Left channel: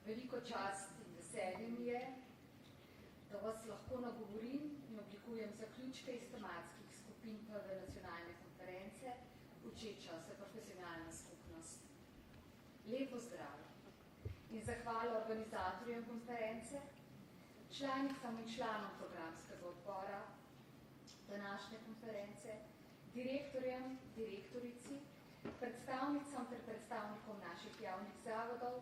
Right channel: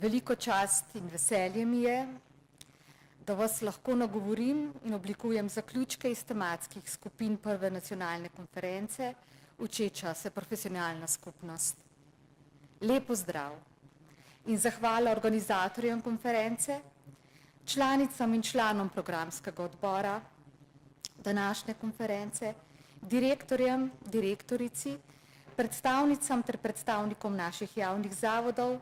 Veliko čast in veselje mi je, da vas lahko nagovorim in oblikujem zaključke iz tematskih skupin prve nacionalne konference Učeča se profesionalna skupnost. Lep pozdrav in zahvala organizatorjem konference, članicam in članom programskega odbora današnje konference, direktorjem, direktorici, predstavnicam ter predstavnikom naših javnih zavodov,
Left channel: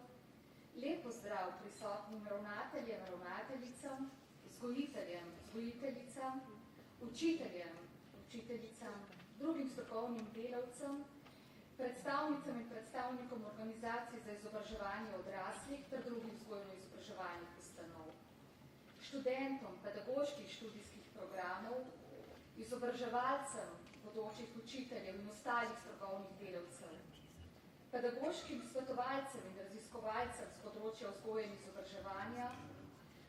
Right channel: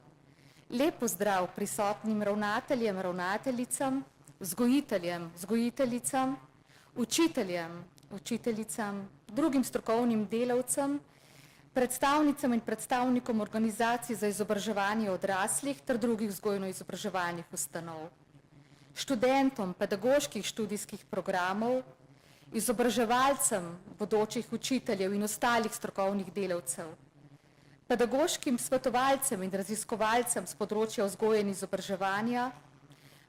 lep pozdrav prisotnim ravnateljem, ravnateljicam, vzgojiteljem, vzgojiteljicam, učiteljem, učiteljicam, drugim strokovnim delavcem, predstavnicam in predstavnikom organizacij za izobraževanje odraslih ter drugih vzgojno-izobraževalnih ustanov, študentom pedagoških študijskih programov, izobraževalcem, bodočih učiteljev in ostalih strokovnih delavcev, pedagoškim svetovalcem in raziskovalcem z področja vzgoje in izobraževanja,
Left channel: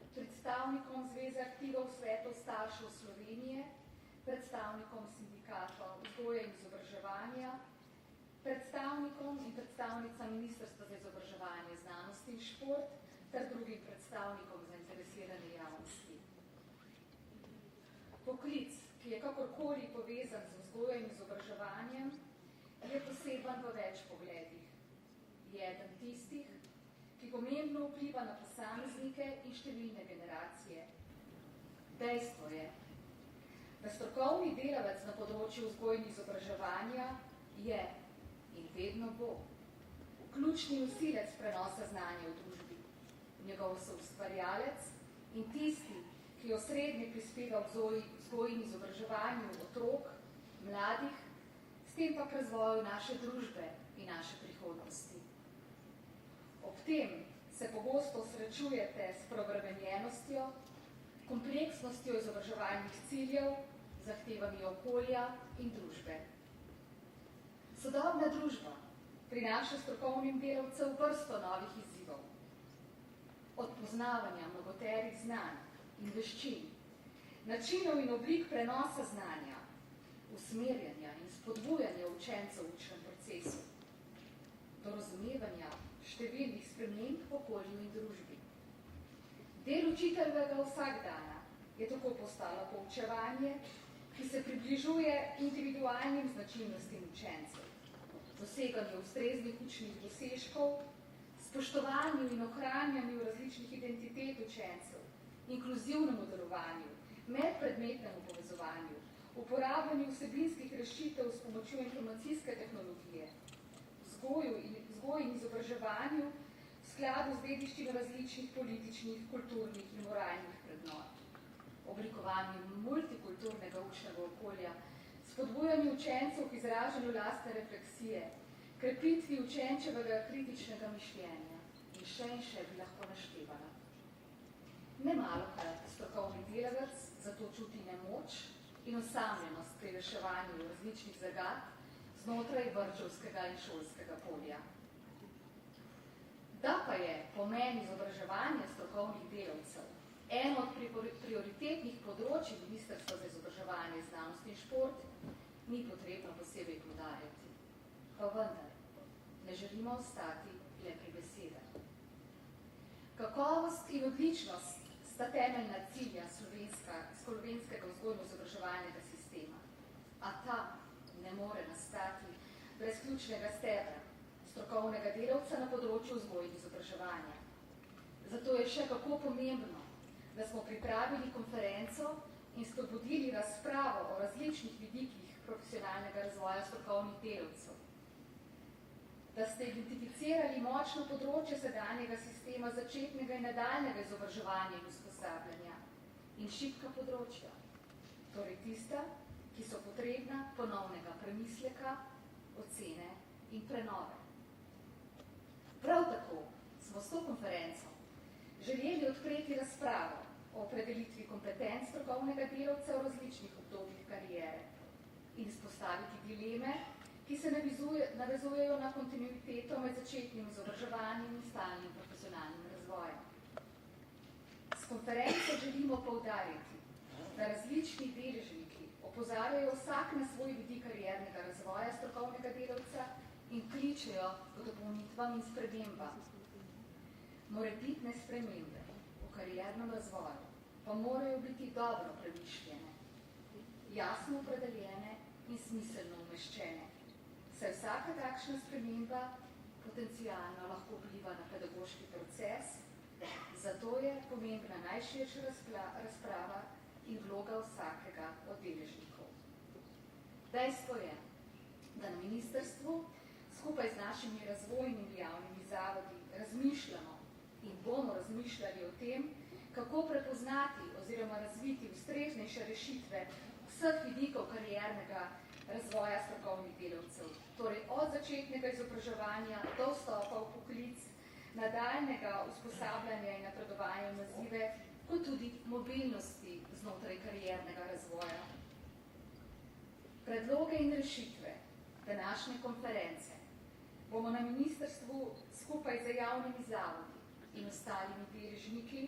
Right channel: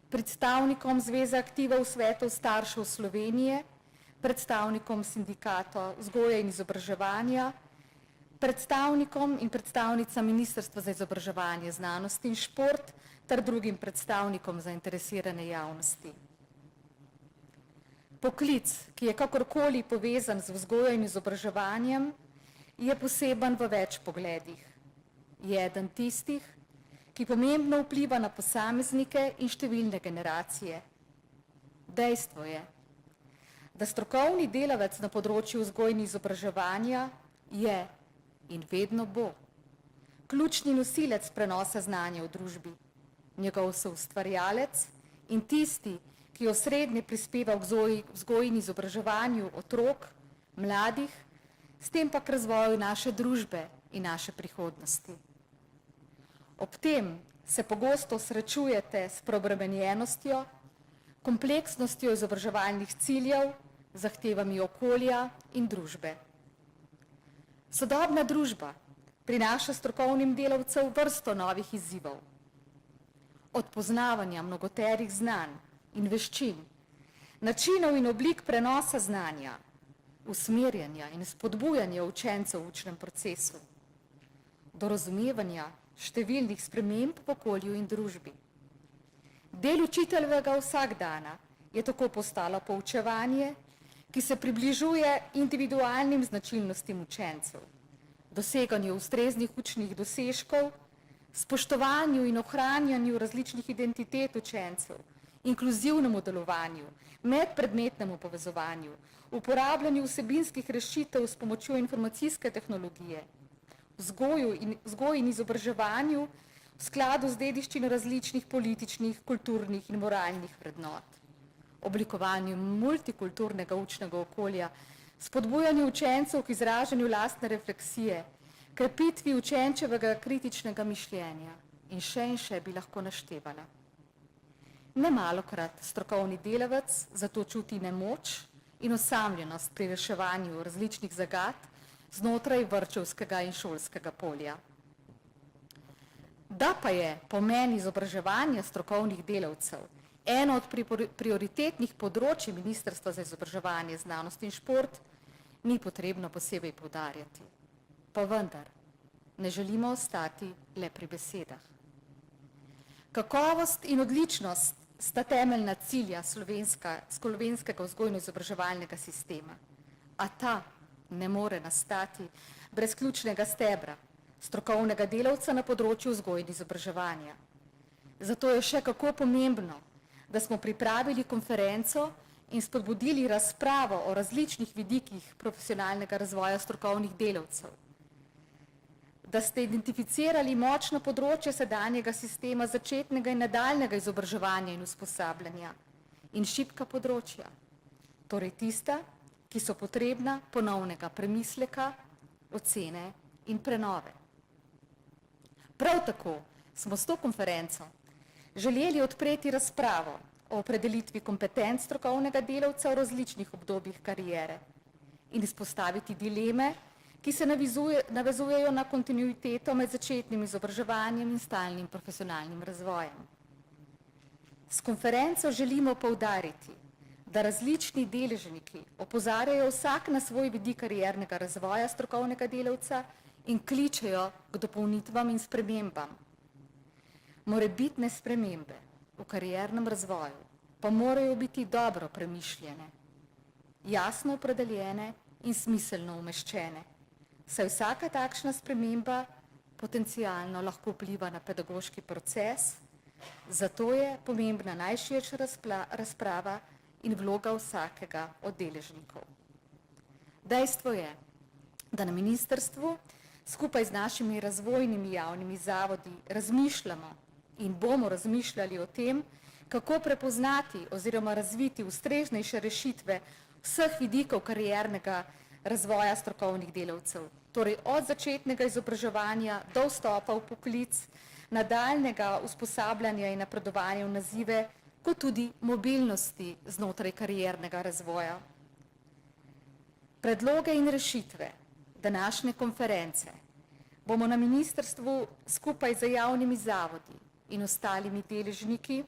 predstavnikom Zveze aktivov svetov staršev Slovenije, predstavnikom sindikata vzgoje in izobraževanja, predstavnikom in predstavnicam Ministrstva za izobraževanje, znanost in šport ter drugim predstavnikom zainteresirane javnosti. Poklic, ki je kakorkoli povezan z vzgojo in izobraževanjem, je poseben v več pogledih. Je eden tistih, ki pomembno vpliva na posameznike in številne generacije. Dejstvo je, da strokovni delavec na področju vzgoje in izobraževanja je in vedno bo ključni nosilec prenosa znanja v družbi, njegov soustvarjalec in tisti, ki osrednje prispeva k vzgoji in izobraževanju otrok, mladih, s tem pa k razvoju naše družbe in naše prihodnosti. Ob tem se pogosto srečujete s preobremenjenostjo, kompleksnostjo izobraževalnih ciljev, zahtevami okolja in družbe. Sodobna družba prinaša strokovnim delavcem vrsto novih izzivov. Od poznavanja mnogoterih znanj in veščin, načinov in oblik prenosa znanja, usmerjanja in spodbujanja učencev v učnem procesu, do razumevanja številnih sprememb v okolju in družbi. Del učiteljevega vsakdana je tako postalo poučevanje, ki se približuje individualnim značilnostim učencev, doseganju ustreznih učnih dosežkov, spoštovanju in ohranjanju različnih identitet učencev, inkluzivnemu delovanju, medpredmetnemu povezovanju, uporabljanju vsebinskih rešitev s pomočjo informacijske tehnologije, vzgoji in izobraževanju v skladu z dediščino različnih političnih, kulturnih in moralnih vrednot, oblikovanju multikulturnega učnega okolja, spodbujanju učencev k izražanju lastne refleksije, krepitvi učenčevega kritičnega mišljenja in še bi lahko naštevala. Nemalokrat strokovni delavec zato čuti nemoč in osamljenost pri reševanju različnih zagat znotraj vrtčevskega in šolskega polja. Da pa je pomen izobraževanja strokovnih delavcev eno od prioritetnih področij Ministrstva za izobraževanje, znanost in šport, ni potrebno posebej poudarjati. Pa vendar, ne želimo ostati le pri besedah. Kakovost in odličnost sta temeljna cilja slovenskega vzgojno-izobraževalnega sistema, a ta ne more nastati brez ključnega stebra, strokovnega delavca na področju vzgoje in izobraževanja. Zato je še kako pomembno, da smo pripravili konferenco in spodbudili razpravo o različnih vidikih profesionalnega razvoja strokovnih delavcev, da ste identificirali močno področje sedanjega sistema začetnega in nadaljnega izobraževanja in usposabljanja in šibka področja, torej tista, ki so potrebna ponovnega premisleka, ocene in prenove. Prav tako smo s to konferenco želeli odpreti razpravo o opredelitvi kompetenc strokovnega delavca v različnih obdobjih kariere in izpostaviti dileme, ki se navezujejo na kontinuiteto med začetnim izobraževanjem in stalnim profesionalnim razvojem. S konferenco želimo poudariti, da različni deležniki opozarjajo vsak na svoj vidik kariernega razvoja strokovnega delavca in kličejo k dopolnitvam in spremembam. Morebitne spremembe v kariernem razvoju pa morajo biti dobro premišljene, jasno opredeljene in smiselno umeščene, saj vsaka takšna sprememba potencialno lahko vpliva na pedagoški proces, zato je pomembna najširša razprava in vloga vsakega od deležnikov. Dejstvo je, da na ministrstvu skupaj z našimi razvojnimi javnimi zavodi razmišljamo in bomo razmišljali o tem, kako prepoznati oziroma razviti ustreznejše rešitve vseh vidikov kariernega razvoja strokovnih delavcev, torej od začetnega izobraževanja do vstopa v poklic, nadaljnjega usposabljanja in napredovanja v nazive, kot tudi mobilnosti znotraj kariernega razvoja. Predloge in rešitve današnje konference bomo na ministrstvu skupaj z javnimi zavodi in ostalimi deležniki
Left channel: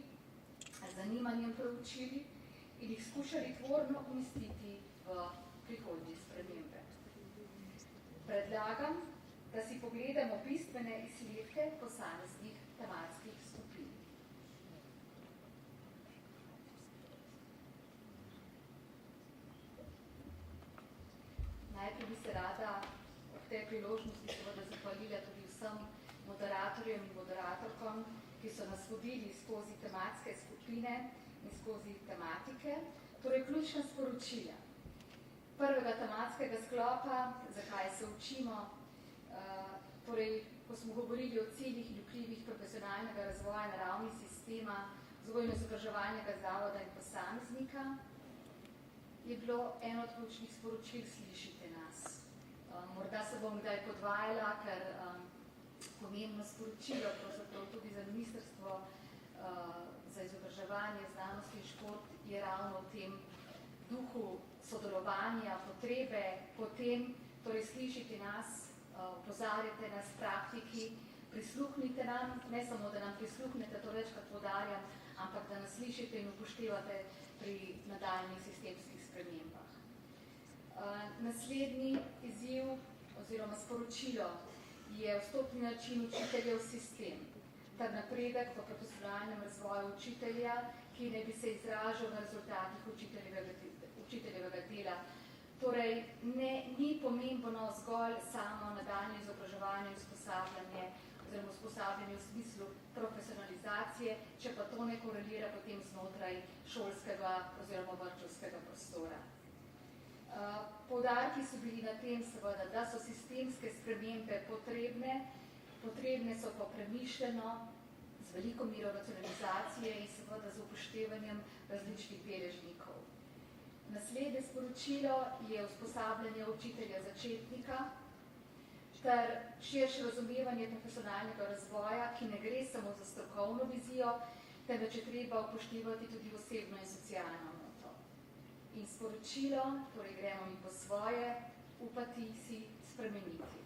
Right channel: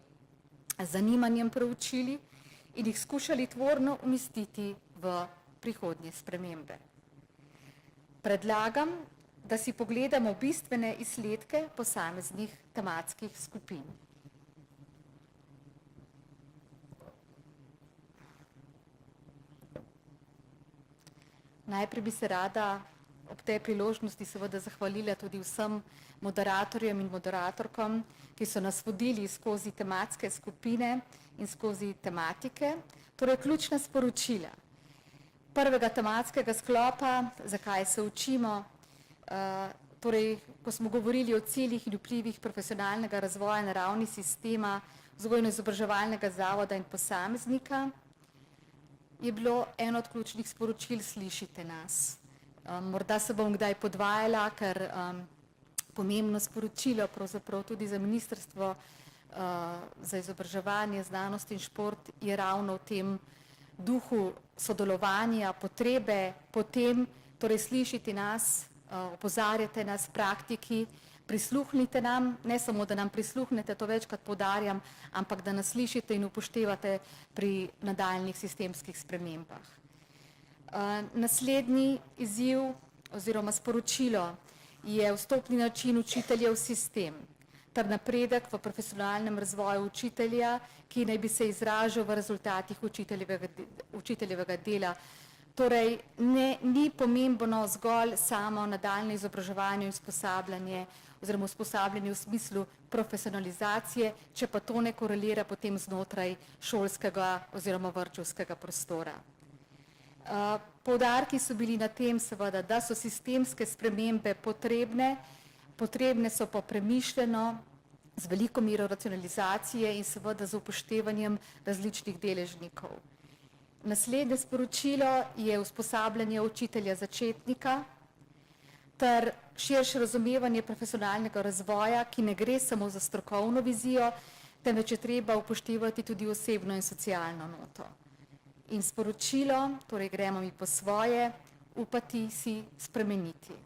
z zanimanjem preučili in jih skušali tvorno umestiti v prihodnje spremembe. Predlagam, da si pogledamo bistvene izsledke posameznih tematskih skupin. Najprej bi se rada ob tej priložnosti seveda zahvalila tudi vsem moderatorjem in moderatorkom, ki so nas vodili skozi tematske skupine in skozi tematike, torej ključna sporočila prvega tematskega sklopa, zakaj se učimo, torej, ko smo govorili o ciljih in vplivih profesionalnega razvoja na ravni sistema, vzgojno-izobraževalnega zavoda in posameznika, je bilo eno od ključnih sporočil slišite nas. Morda se bom kdaj podvajala, ker pomembno sporočilo pravzaprav tudi za ministrstvo za izobraževanje, znanost in šport je ravno v tem duhu sodelovanja, potrebe, potem, torej slišite nas, opozarjate nas praktiki, prisluhnite nam, ne samo, da nam prisluhnete, to večkrat poudarjam, ampak da nas slišite in upoštevate pri nadaljnjih sistemskih spremembah. Naslednji izziv oziroma sporočilo je vstopni način učitelja v sistem ter napredek v profesionalnem razvoju učitelja, ki naj bi se izražal v rezultatih učiteljevega dela. Torej, ni pomembno zgolj samo nadaljnje izobraževanje in usposabljanje oziroma usposabljanje v smislu profesionalizacije, če pa to ne korelira potem znotraj šolskega oziroma vrtčevskega prostora. Poudarki so bili na tem seveda, da so sistemske spremembe potrebne so pa premišljeno, z veliko mero racionalizacije in seveda z upoštevanjem različnih deležnikov. Naslednje sporočilo je usposabljanje učitelja začetnika ter širše razumevanje profesionalnega razvoja, ki ne gre samo za strokovno vizijo, temveč je treba upoštevati tudi osebno in socialno noto. In sporočilo, torej gremo mi po svoje, upati si spremeniti.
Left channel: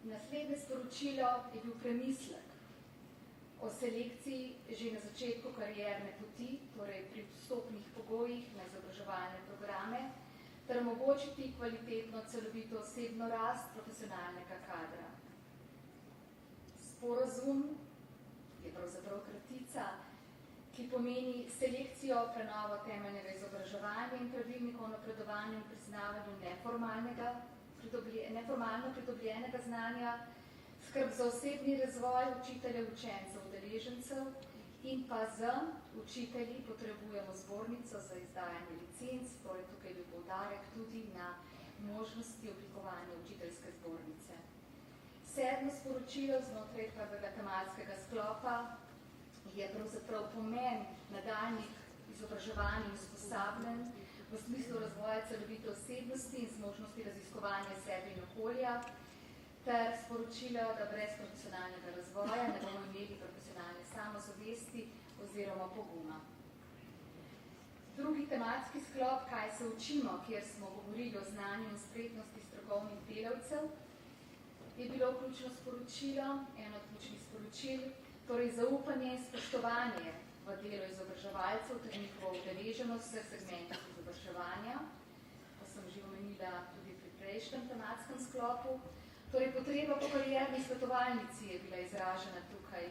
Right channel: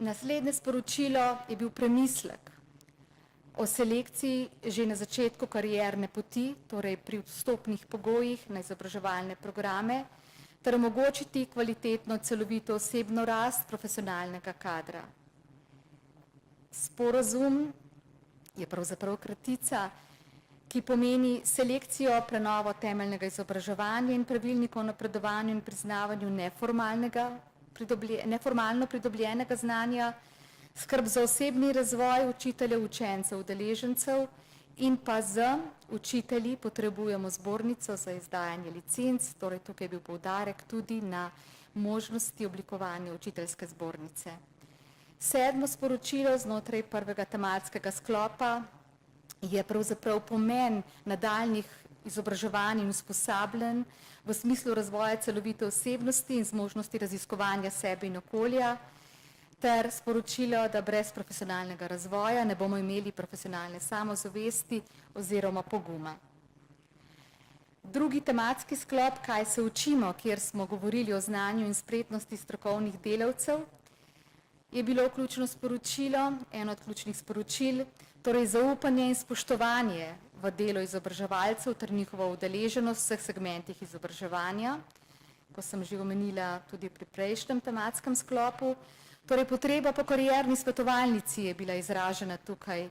Naslednje sporočilo je bil premislek o selekciji že na začetku karierne poti, torej pri vstopnih pogojih na izobraževalne programe, ter omogočiti kvalitetno, celovito osebno rast profesionalnega kadra. Sporazum je pravzaprav kratica, ki pomeni selekcijo, prenovo temeljnega izobraževanja in pravilnikov o napredovanju in priznavanju neformalno pridobljenega znanja, skrb za osebni razvoj učiteljev, učencev, udeležencev in pa z učitelji potrebujemo zbornico za izdajanje licenc, torej tukaj je bil poudarek tudi na možnosti oblikovanja učiteljske zbornice. Sedmo sporočilo znotraj prvega tematskega sklopa je pravzaprav pomen nadaljnjih izobraževanj in usposabljanj v smislu razvoja celovite osebnosti in zmožnosti raziskovanja sebe in okolja, ter sporočilo, da brez profesionalnega razvoja ne bomo imeli profesionalne samozavesti oziroma poguma. Drugi tematski sklop, kaj se učimo, kjer smo govorili o znanju in spretnosti strokovnih delavcev, je bilo ključno sporočilo, eno od ključnih sporočil, torej zaupanje in spoštovanje v delo izobraževalcev ter njihovo udeleženost v vseh segmentih izobraževanja, ko sem že omenila tudi pri prejšnjem tematskem sklopu, Torej, potreba po karierni svetovalnici je bila izražena tukaj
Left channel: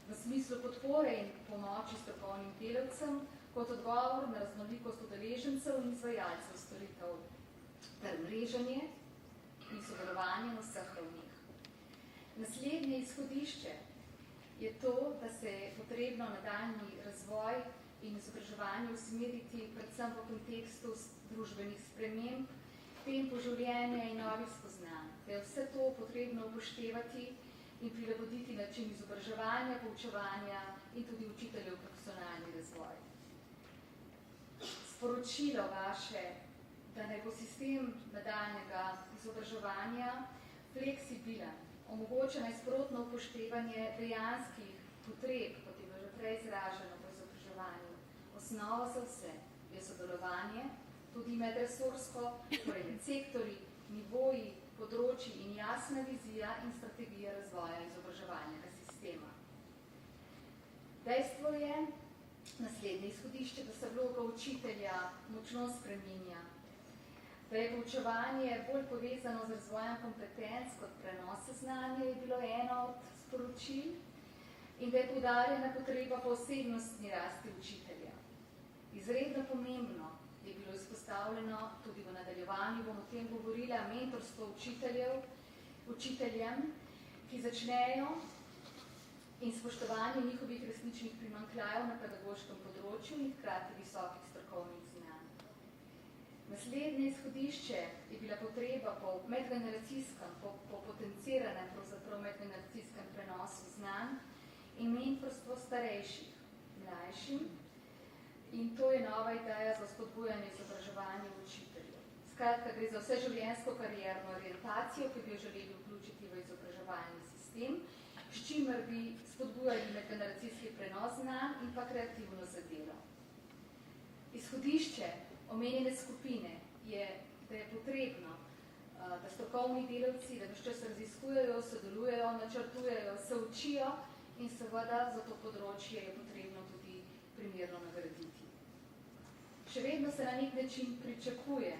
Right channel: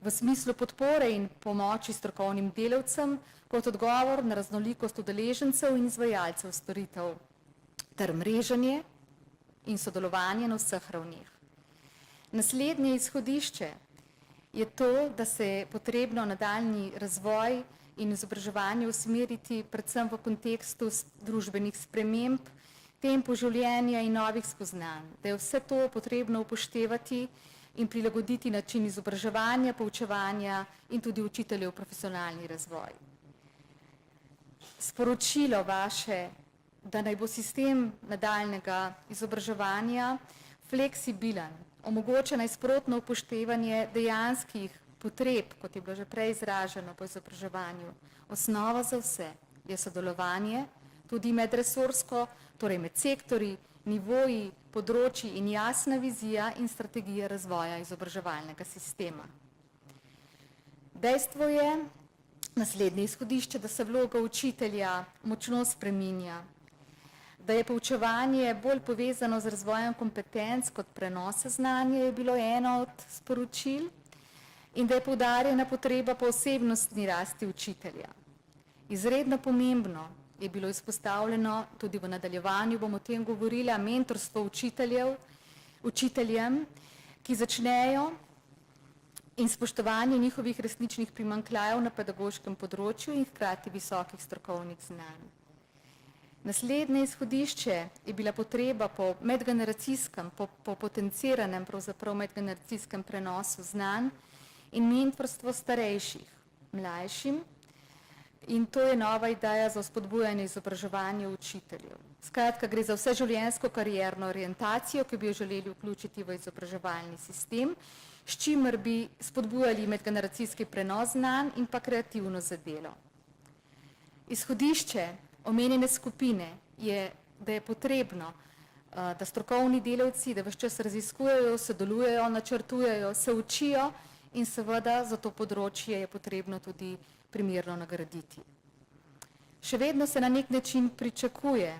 v smislu podpore in pomoči strokovnim delavcem kot odgovor na raznolikost udeležencev in izvajalcev storitev ter mreženje in sodelovanje na vseh ravneh. Naslednje izhodišče je to, da se je potrebno nadaljnji razvoj in izobraževanje usmeriti predvsem v kontekstu družbenih sprememb, tempo življenja in novih spoznanj, da je vse to potrebno upoštevati in prilagoditi način izobraževanja, poučevanja in tudi učiteljev profesionalni razvoj. Sporočilo vaše, da naj bo sistem nadaljnjega izobraževanja fleksibilen, omogoča najsprotno upoštevanje dejanskih potreb, kot je bilo že prej izraženo po izobraževanju. Osnova za vse je sodelovanje, tudi medresorsko, torej med sektorji, nivoji, področji in jasna vizija in strategija razvoja izobraževalnega sistema. Dejstvo je, naslednje izhodišče, da se vloga učitelja močno spreminja, da je poučevanje bolj povezano z razvojem kompetenc kot prenosa znanja, je bilo eno od sporočil, in da je poudarjena potreba po osebnostni rasti učitelja. Izredno pomembno je bilo izpostavljeno, tudi v nadaljevanju bomo o tem govorila, mentorstvo učiteljem, ki začnejo in spoštovanje njihovih resničnih primanjkljajev na pedagoškem področju in hkrati visokih strokovnih znanj. Naslednje izhodišče je bila potreba po medgeneracijskem, po potenciranem, pravzaprav medgeneracijskem prenosu znanj in mentorstvo starejših, mlajšim, in to je nova ideja za spodbujanje izobraževanja učiteljev. Skratka, gre za vseživljenjsko karierno orientacijo, ki bi jo želeli vključiti v izobraževalni sistem, s čimer bi spodbujali medgeneracijski prenos znanj in pa kreativnost za delo. Izhodišče omenjene skupine je, da je potrebno, da strokovni delavci, da ves čas raziskujejo, sodelujejo, načrtujejo, se učijo in seveda za to področje je potrebno tudi primerno nagraditi. Še vedno se na nek način pričakuje,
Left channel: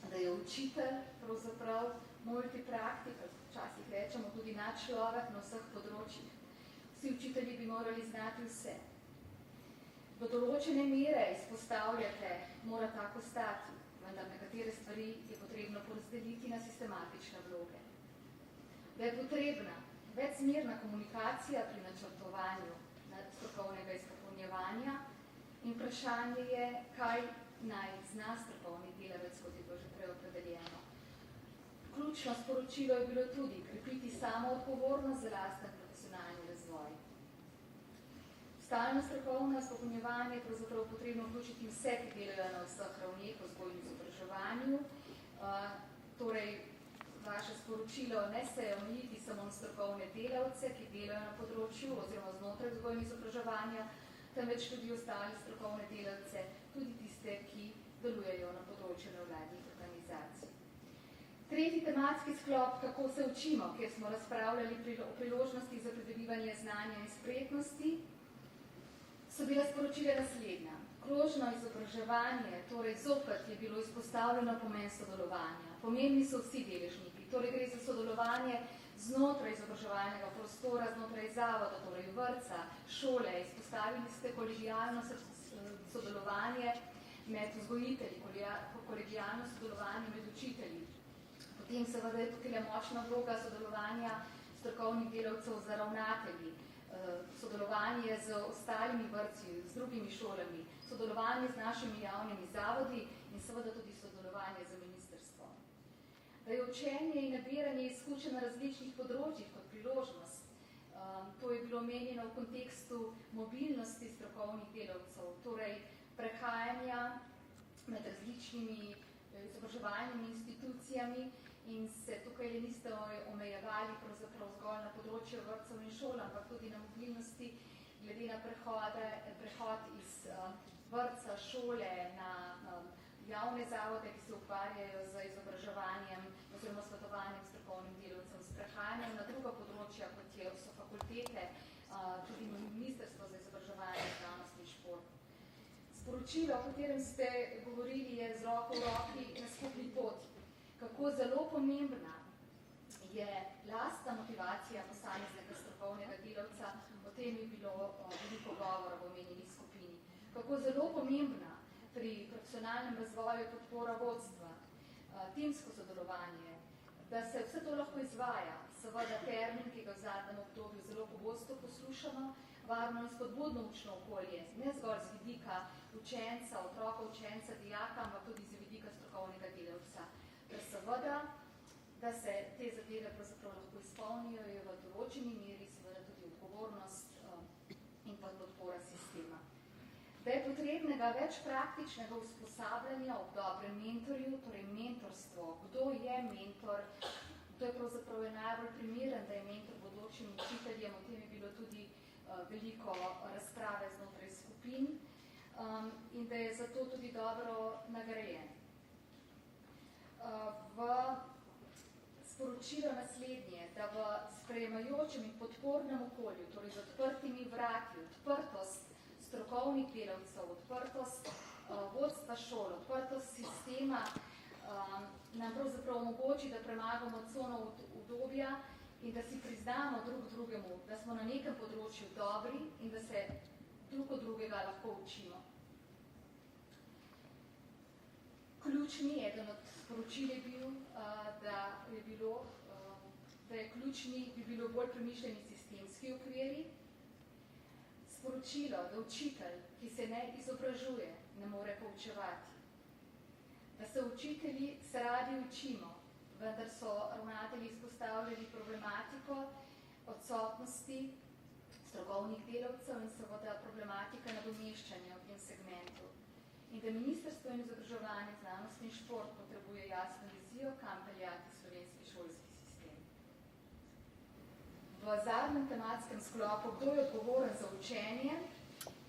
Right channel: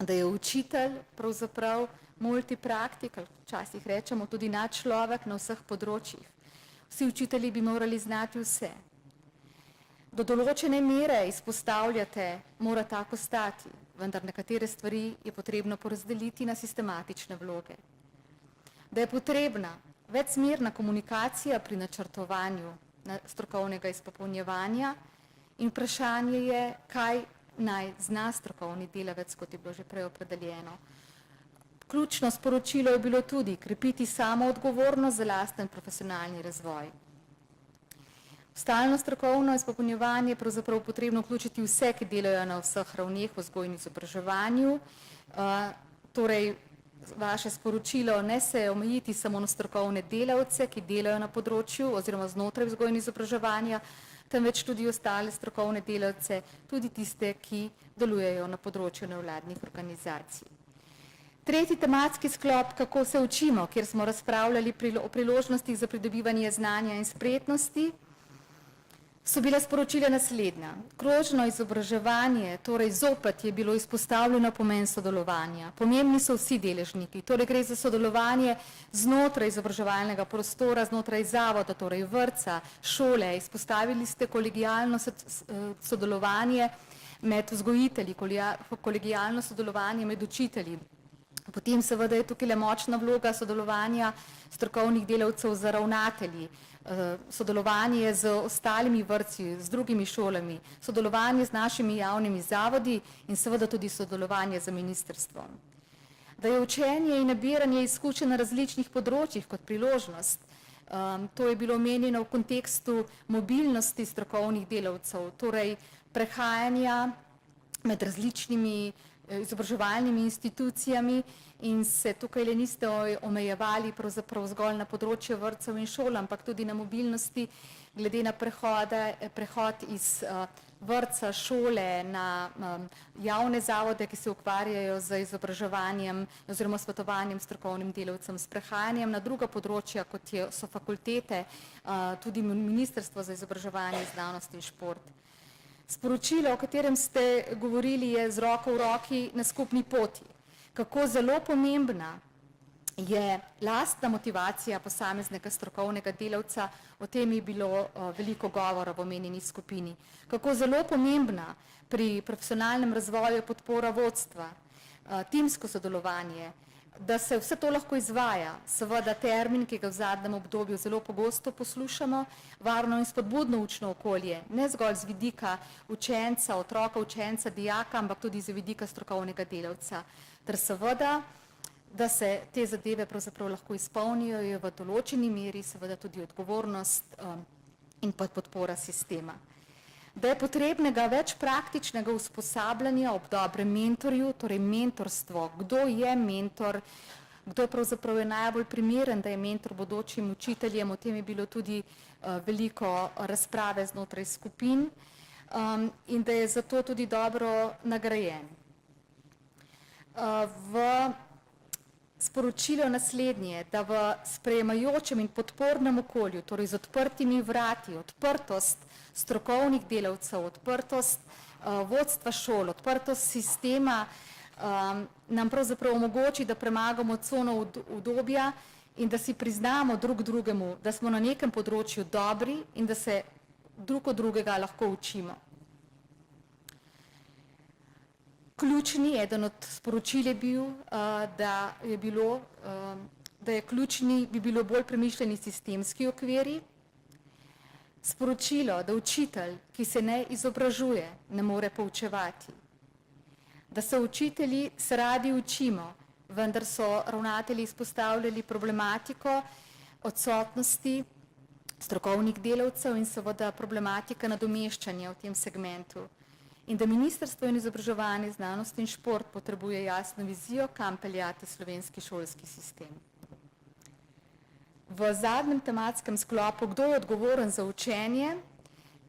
da je učitelj pravzaprav multipraktik, včasih rečemo tudi nadčlovek na vseh področjih. Vsi učitelji bi morali znati vse. Do določene mere izpostavljate, mora tako stati, vendar nekatere stvari je potrebno porazdeliti na sistematične vloge. Da je potrebna večsmerna komunikacija pri načrtovanju strokovnega izpopolnjevanja in vprašanje je, kaj naj zna strokovni delavec, kot je bilo že prej opredeljeno. Ključno sporočilo je bilo tudi krepiti samoodgovornost za lasten profesionalni razvoj. Stalno strokovno izpopolnjevanje je pravzaprav potrebno vključiti vse, ki delajo na vseh ravneh v vzgoji in izobraževanju. Torej, vaše sporočilo ne se omejiti samo na strokovne delavce, ki delajo na področju oziroma znotraj vzgoje in izobraževanja, temveč tudi ostale strokovne delavce, tudi tiste, ki delujejo na področju nevladnih organizacij. Tretji tematski sklop, kako se učimo, kjer smo razpravljali o priložnostih za pridobivanje znanja in spretnosti, so bila sporočila naslednja. Krožno izobraževanje, torej zopet je bilo izpostavljeno pomen sodelovanja. Pomembni so vsi deležniki, torej gre za sodelovanje znotraj izobraževalnega prostora, znotraj zavoda, torej vrtca, šole. Izpostavili ste kolegijalno sodelovanje med vzgojitelji, kolegijalno sodelovanje med učitelji. Potem seveda je tukaj močna vloga sodelovanja strokovnih delavcev z ravnatelji, sodelovanje z ostalimi vrtci, z drugimi šolami, sodelovanje z našimi javnimi zavodi in seveda tudi sodelovanje z ministrstvom. Da je učenje in nabiranje izkušenj na različnih področjih kot priložnost, to je bilo omenjeno v kontekstu mobilnosti strokovnih delavcev, torej prehajanja med različnimi izobraževalnimi institucijami in se tukaj le niste omejevali pravzaprav zgolj na področje vrtcev in šol, ampak tudi na mobilnosti glede na prehod iz vrtca, šole na javne zavode, ki se ukvarjajo z izobraževanjem oziroma svetovanjem strokovnim delavcem, s prehajanjem na druga področja, kot so fakultete, tudi Ministrstvo za izobraževanje, znanost in šport. Sporočilo, o katerem ste govorili, je z roko v roki na skupni poti. Kako zelo pomembna je lastna motivacija posameznega strokovnega delavca, o tem je bilo veliko govora v omenjeni skupini. Kako zelo pomembna pri profesionalnem razvoju je podpora vodstva, timsko sodelovanje, da se vse to lahko izvaja, seveda termin, ki ga v zadnjem obdobju zelo pogosto poslušamo, varno in spodbudno učno okolje, ne zgolj z vidika učenca, otroka, učenca, dijaka, ampak tudi z vidika strokovnega delavca. Ter seveda, da se te zadeve pravzaprav lahko izpolnijo, je v določeni meri seveda tudi odgovornost in podpora sistema. Da je potrebnega več praktičnega usposabljanja ob dobrem mentorju, torej mentorstvo, kdo je mentor, kdo pravzaprav je najbolj primeren, da je mentor bodočim učiteljem, o tem je bilo tudi veliko razprave znotraj skupin in da je zato tudi dobro nagrajen. V sporočilo naslednje, da v sprejemajočem in podpornem okolju, torej z odprtimi vrati, odprtost strokovnih delavcev, odprtost vodstva šol, odprtost sistema nam pravzaprav omogoči, da premagamo cono udobja in da si priznamo drug drugemu, da smo na nekem področju dobri in da se drug od drugega lahko učimo. Ključni, eden od sporočil je bil, da je ključni bi bilo bolj premišljeni sistemski okviri, sporočilo, da učitelj, ki se ne izobražuje, ne more poučevati, da se učitelji se radi učimo, vendar so ravnatelji izpostavljali problematiko odsotnosti strokovnih delavcev in seveda problematika nadomeščanja v tem segmentu. In da Ministrstvo in izobraževanje, znanost in šport potrebuje jasno vizijo, kam peljati slovenski šolski sistem. V zadnjem tematskem sklopu, kdo je odgovoren za učenje,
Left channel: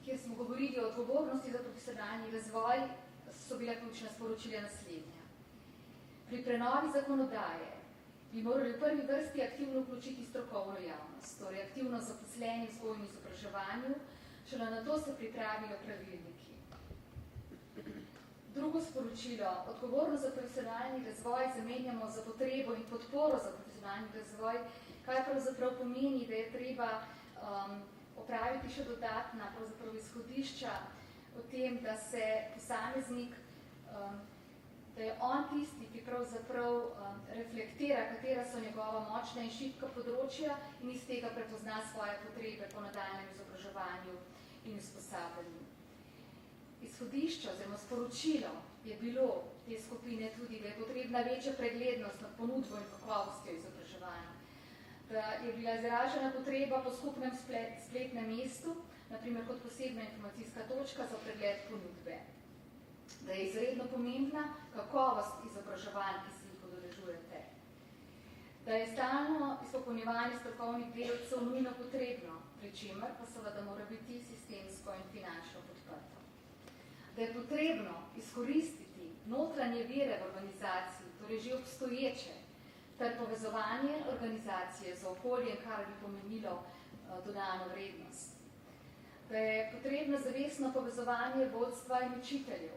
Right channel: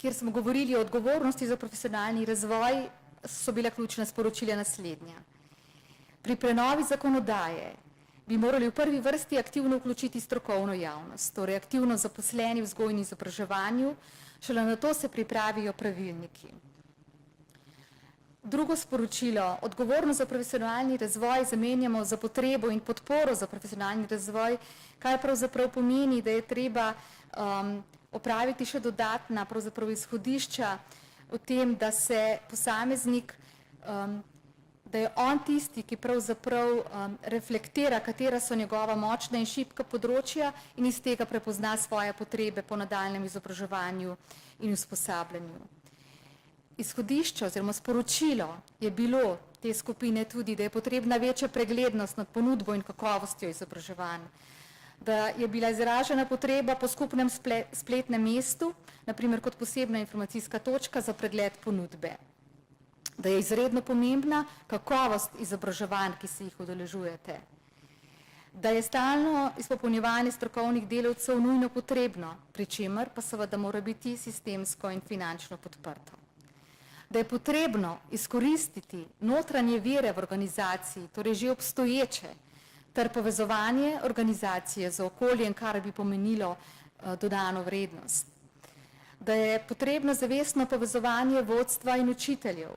kjer smo govorili o odgovornosti za profesionalni razvoj, so bile ključna sporočila naslednja. Pri prenovi zakonodaje bi morali v prvi vrsti aktivno vključiti strokovno javnost, torej aktivno zaposleni v vzgoji in izobraževanju, šele nato se pripravijo pravilniki. Drugo sporočilo, odgovornost za profesionalni razvoj zamenjamo za potrebo in podporo za profesionalni razvoj, kaj pravzaprav pomeni, da je treba opraviti še dodatna pravzaprav izhodišča o tem, da se posameznik, da je on tisti, ki pravzaprav reflektira, katera so njegova močna in šibka področja in iz tega prepozna svoje potrebe po nadaljnjem izobraževanju in usposabljanju. Izhodišče oziroma sporočilo je bilo te skupine tudi, da je potrebna večja preglednost nad ponudbo in kakovostjo izobraževanja, da je bila izražena potreba po skupnem spletnem mestu, naprimer kot posebna informacijska točka za pregled ponudbe, da je izredno pomembna kakovost izobraževanj, ki se jih udeležujete, da je stalno izpopolnjevanje strokovnih delavcev nujno potrebno, pri čemer pa seveda mora biti sistemsko in finančno podprto. Da je potrebno izkoristiti notranje vire v organizaciji, torej že obstoječe, ter povezovanje organizacije z okoljem, kar bi pomenilo dodano vrednost. Da je potrebno zavestno povezovanje vodstva in učiteljev.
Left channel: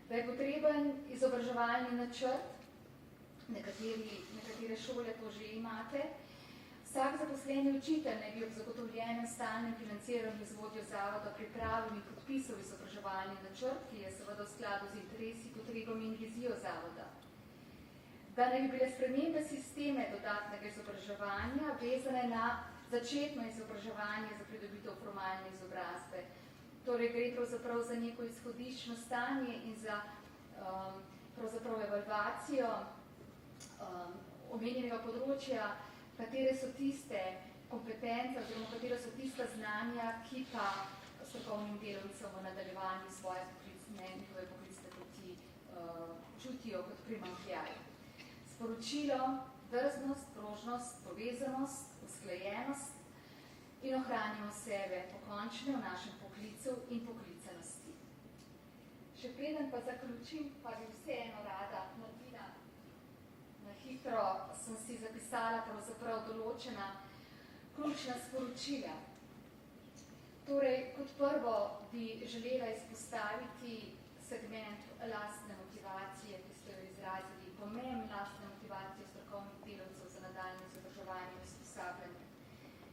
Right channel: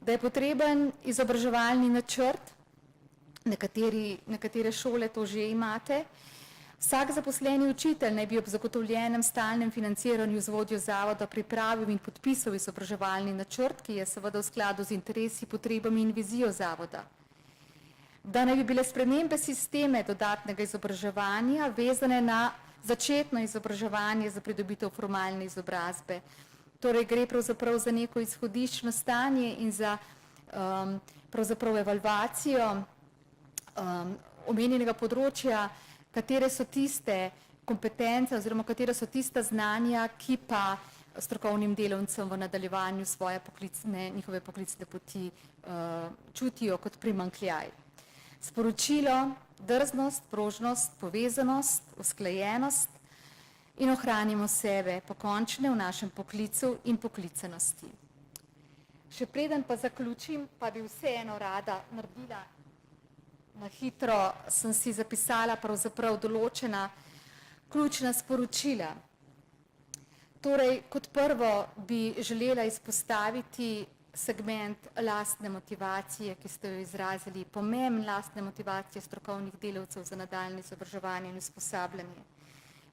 Da je potreben izobraževalni načrt, nekatere šole to že imate. Vsak zaposleni učitelj naj bi ob zagotovljenem stalnem financiranju z vodjo zavoda pripravil in podpisal izobraževalni načrt, ki je seveda v skladu z interesi, potrebami in vizijo zavoda. Da naj bi bile spremembe sisteme dodatnega izobraževanja vezane na začetno izobraževanje za pridobitev formalne izobrazbe. Torej gre pravzaprav za neko izhodiščno stanje in za pravzaprav evalvacijo omenjenega področja, katere so tiste kompetence oziroma katere so tista znanja, ki pa strokovnim delavcem v nadaljevanju svoje njihove poklicne poti čutijo kot primanjkljaj. Sporočilo, drznost, prožnost, povezanost, usklajenost in ohranimo sebe pokončne v našem poklicu in poklicanosti. Še preden pa zaključim, pa bi vseeno rada naredila na hitro, sem si zapisala pravzaprav določena ključna sporočila. Torej, kot prvo bi želela izpostaviti segment lastne motivacije, ki ste jo izrazili, pomen lastne motivacije strokovnih delavcev za nadaljnje izobraževanje in usposabljanje.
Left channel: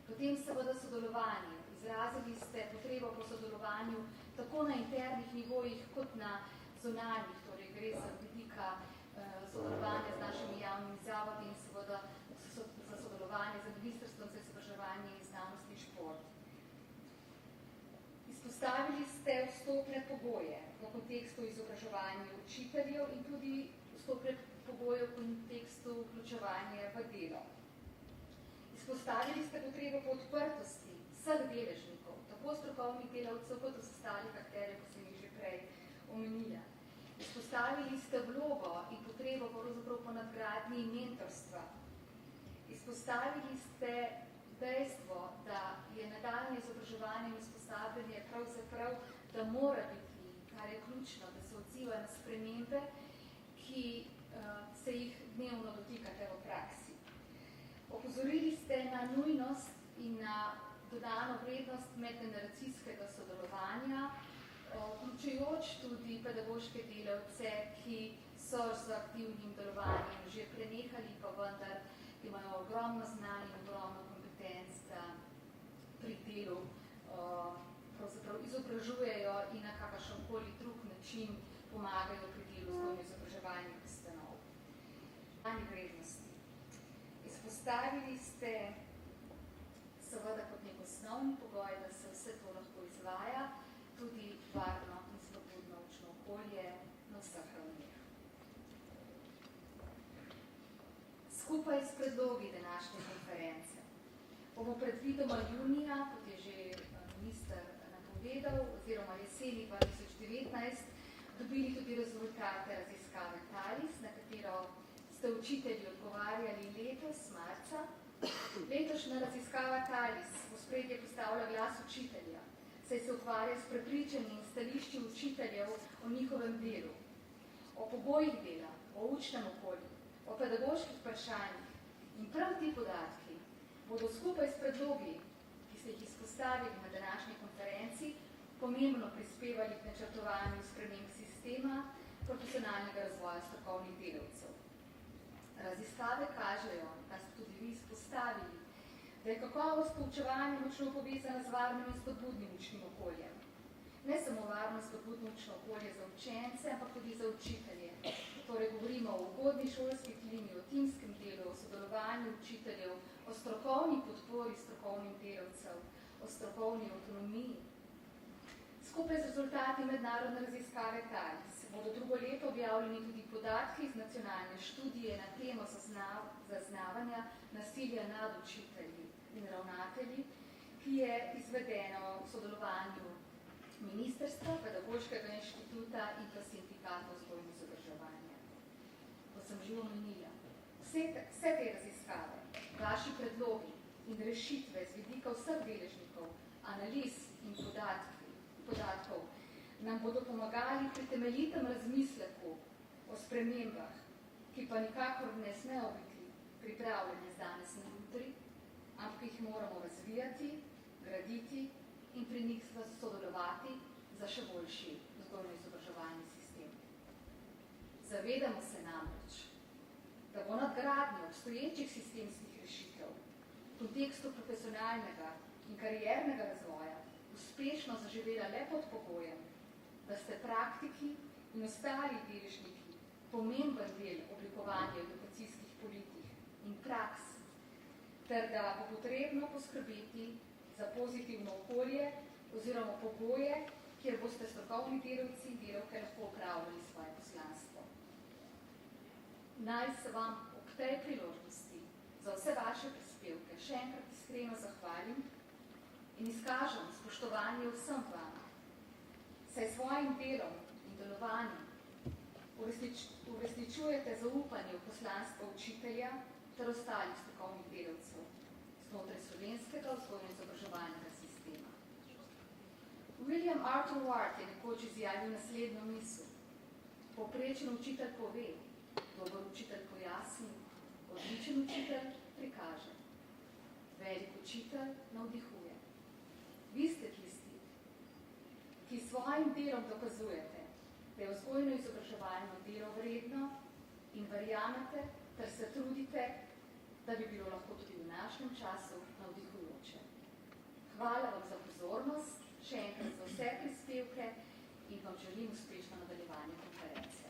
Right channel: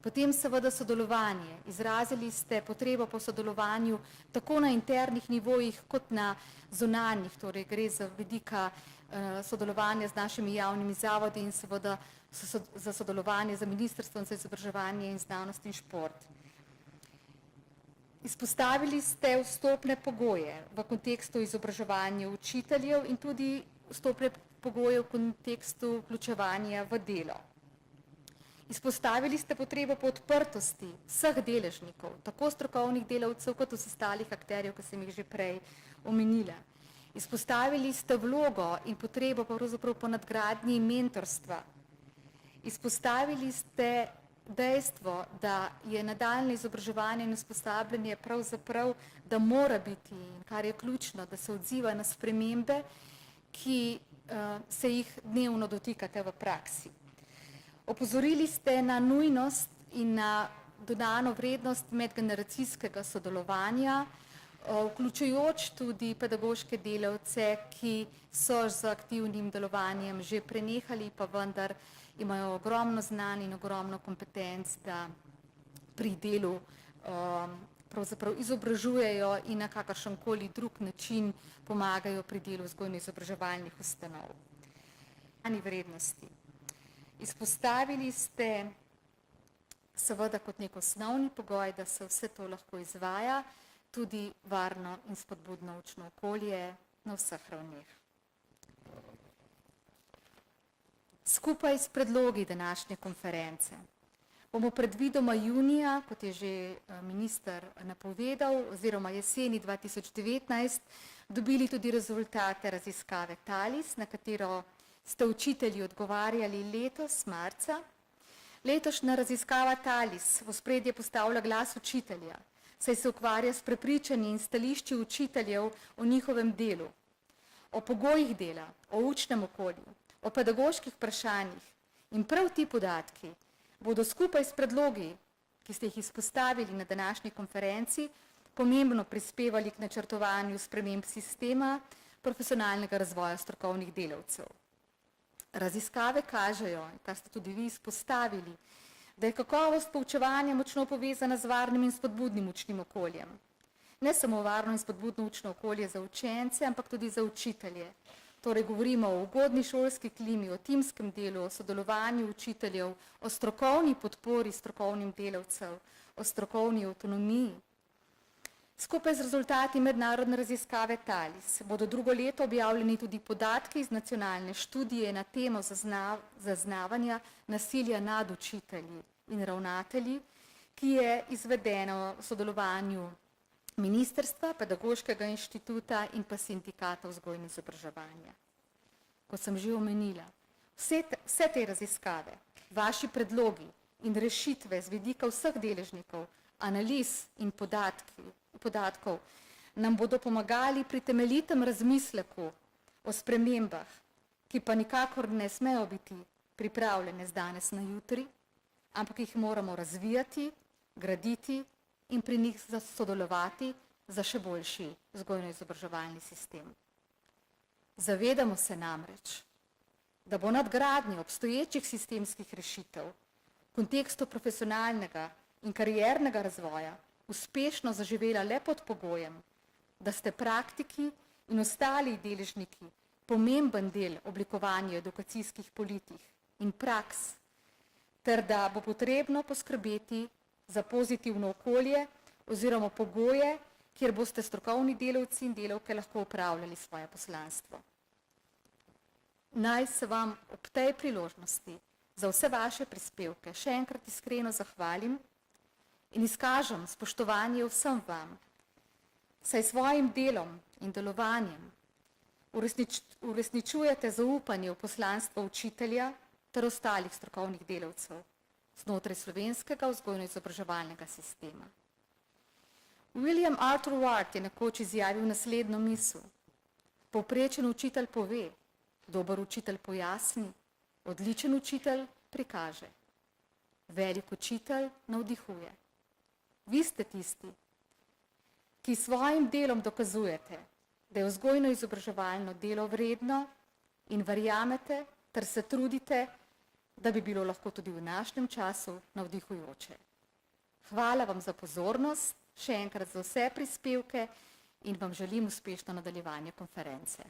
Potem seveda sodelovanje. Izrazili ste potrebo po sodelovanju tako na internih nivojih kot na zunanjih, torej gre za vidika sodelovanja z našimi javnimi zavodi in seveda za sodelovanje z Ministrstvom za izobraževanje in znanost in šport. Izpostavili ste vstopne pogoje v kontekstu izobraževanja učiteljev in tudi vstopne pogoje v kontekstu vključevanja v delo. Izpostavili ste potrebo po odprtosti vseh deležnikov, tako strokovnih delavcev kot ostalih akterjev, ki sem jih že prej omenila. Izpostavili ste vlogo in potrebo pravzaprav po nadgradnji mentorstva. Izpostavili ste dejstvo, da je nadaljnje izobraževanje in usposabljanje pravzaprav, da mora biti, kar je ključno, da se odziva na spremembe, ki se jih dnevno dotikate v praksi. Opozorili ste na nujnost in na dodano vrednost medgeneracijskega sodelovanja, vključujoč tudi pedagoške delavce, ki so z aktivnim delovanjem že prenehali, pa vendar imajo ogromno znanj in ogromno kompetenc, da pri delu pravzaprav izobražujejo in na kakršenkoli drug način pomagajo pri delu vzgojno-izobraževalnih ustanov. Vrednosti. Izpostavili ste seveda kot nek osnovni pogoj, da se vse to lahko izvaja, tudi varno in spodbudno učno okolje na vseh ravneh. Skupaj s predlogi današnje konference bomo predvidoma junija, kot je že minister napovedal, oziroma jeseni 2019, dobili tudi rezultate raziskave TALIS, na katero ste učitelji odgovarjali letos, marca. Letošnja raziskava TALIS v ospredje postavlja glas učitelja, saj se ukvarja s prepričanji in stališči učiteljev o njihovem delu, o pogojih dela, o učnem okolju, o pedagoških vprašanjih in prav ti podatki bodo skupaj s predlogi, ki ste jih izpostavili na današnji konferenci, pomembno prispevali k načrtovanju sprememb sistema profesionalnega razvoja strokovnih delavcev. Raziskave kažejo, kar ste tudi vi izpostavili, da je kakovost poučevanja močno povezana z varnim in spodbudnim učnim okoljem. Ne samo varno in spodbudno učno okolje za učence, ampak tudi za učitelje. Torej govorimo o ugodni šolski klimi, o timskem delu, o sodelovanju učiteljev, o strokovni podpori strokovnim delavcev, o strokovni avtonomiji. Skupaj z rezultati mednarodne raziskave TALIS bodo drugo leto objavljeni tudi podatki iz nacionalne študije na temo zaznavanja nasilja nad učitelji in ravnatelji, ki je izvedeno v sodelovanju Ministrstva, Pedagoškega inštituta in pa Sindikata vzgoje in izobraževanja. Kot sem že omenila, vse te raziskave, vaši predlogi in rešitve z vidika vseh deležnikov, analiz in podatkov nam bodo pomagali pri temeljitem razmisleku o spremembah, ki pa nikakor ne smejo biti pripravljene z danes na jutri, ampak jih moramo razvijati, graditi in pri njih sodelovati za še boljši vzgojno-izobraževalni sistem. Zavedamo se namreč, da bo nadgradnja obstoječih sistemskih rešitev v kontekstu profesionalnega in kariernega razvoja uspešno zaživela le pod pogojem, da ste praktiki in ostali deležniki pomemben del oblikovanja edukacijskih politik in praks, ter da bo potrebno poskrbeti za pozitivno okolje oziroma pogoje, kjer boste strokovni delavci in delavke lahko upravljali svoje poslanstvo. Naj se vam ob tej priložnosti za vse vaše prispevke še enkrat iskreno zahvalim in izkažem spoštovanje vsem vam, saj svojim delom in delovanjem uresničujete zaupanje v poslanstvo učitelja ter ostalih strokovnih delavcev znotraj slovenskega vzgojno-izobraževalnega sistema. William Arthur Ward je nekoč izjavil naslednjo misel: povprečen učitelj pove, dober učitelj pojasni, odličen učitelj prikaže, velik učitelj navdihuje. Vi ste tisti, ki svojim delom dokazujete, da je vzgojno-izobraževalno delo vredno in verjamete ter se trudite, da bi bilo lahko tudi v današnjem času navdihujoče. Hvala vam za pozornost, še enkrat za vse prispevke in vam želim uspešno nadaljevanje konference.